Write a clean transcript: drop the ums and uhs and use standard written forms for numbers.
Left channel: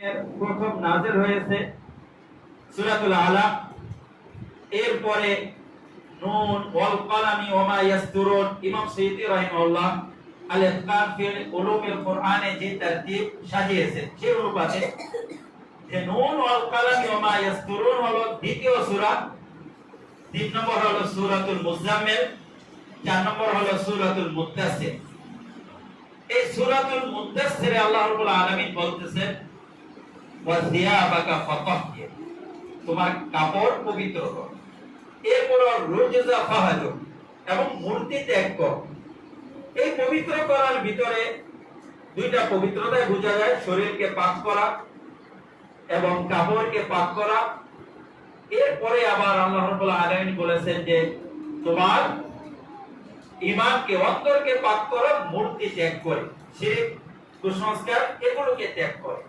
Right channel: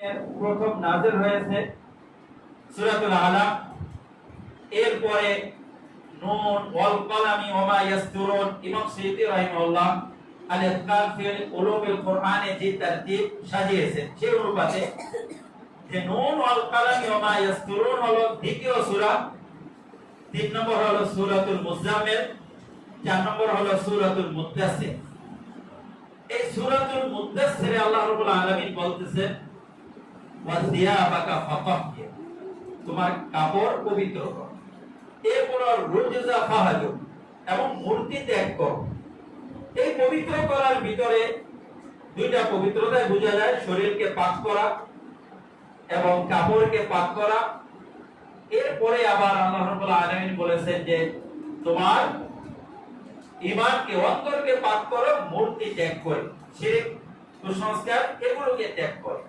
প্রথম নাযিল হয়েছে সূরাতুল আলাক, এরপরে নুন ওয়াল কলামি ওয়া মা ইয়াসতুরুন। ইমাম সাইয়্যিদি রাহিমাহুল্লাহ আল ইতকান ফি উলুমিল কুরআনে যে তারতিব সাজিয়েছেন সেই অনুপাতে যে নুন ওয়াল কলামি ওয়া মা ইয়াসতুরুন হলো দ্বিতীয় সূরা, 3 নম্বর হলো সূরাতুল মুজাম্মিল, 4 নম্বর হলো সূরাতুল মুদ্দাসসির। এই সূরাতুল মুদ্দাসসিরে আল্লাহ রাব্বুল আলামিন বলতেছেন ওয়া সিয়াবাকা ফাতাহহির, তোমার কাপড় পবিত্র করো। এরপর রুজজা ফাহাজুর, এবং মূর্তি ত্যাগ করো। এই পবিত্র করার ভিতরে দুইটা পবিত্রতায় বোঝা যায়, শরীরকে পাক করা এবং কাপড়কে পাক করা। এরপরে আবার আল্লাহ রাব্বুল আলামিন বলেছেন যে তোমার ঈমানকে, অন্তরকে পাক করো, মূর্তি ত্যাগ করো, শিরক, কুসংস্কার এগুলোকে ত্যাগ করো।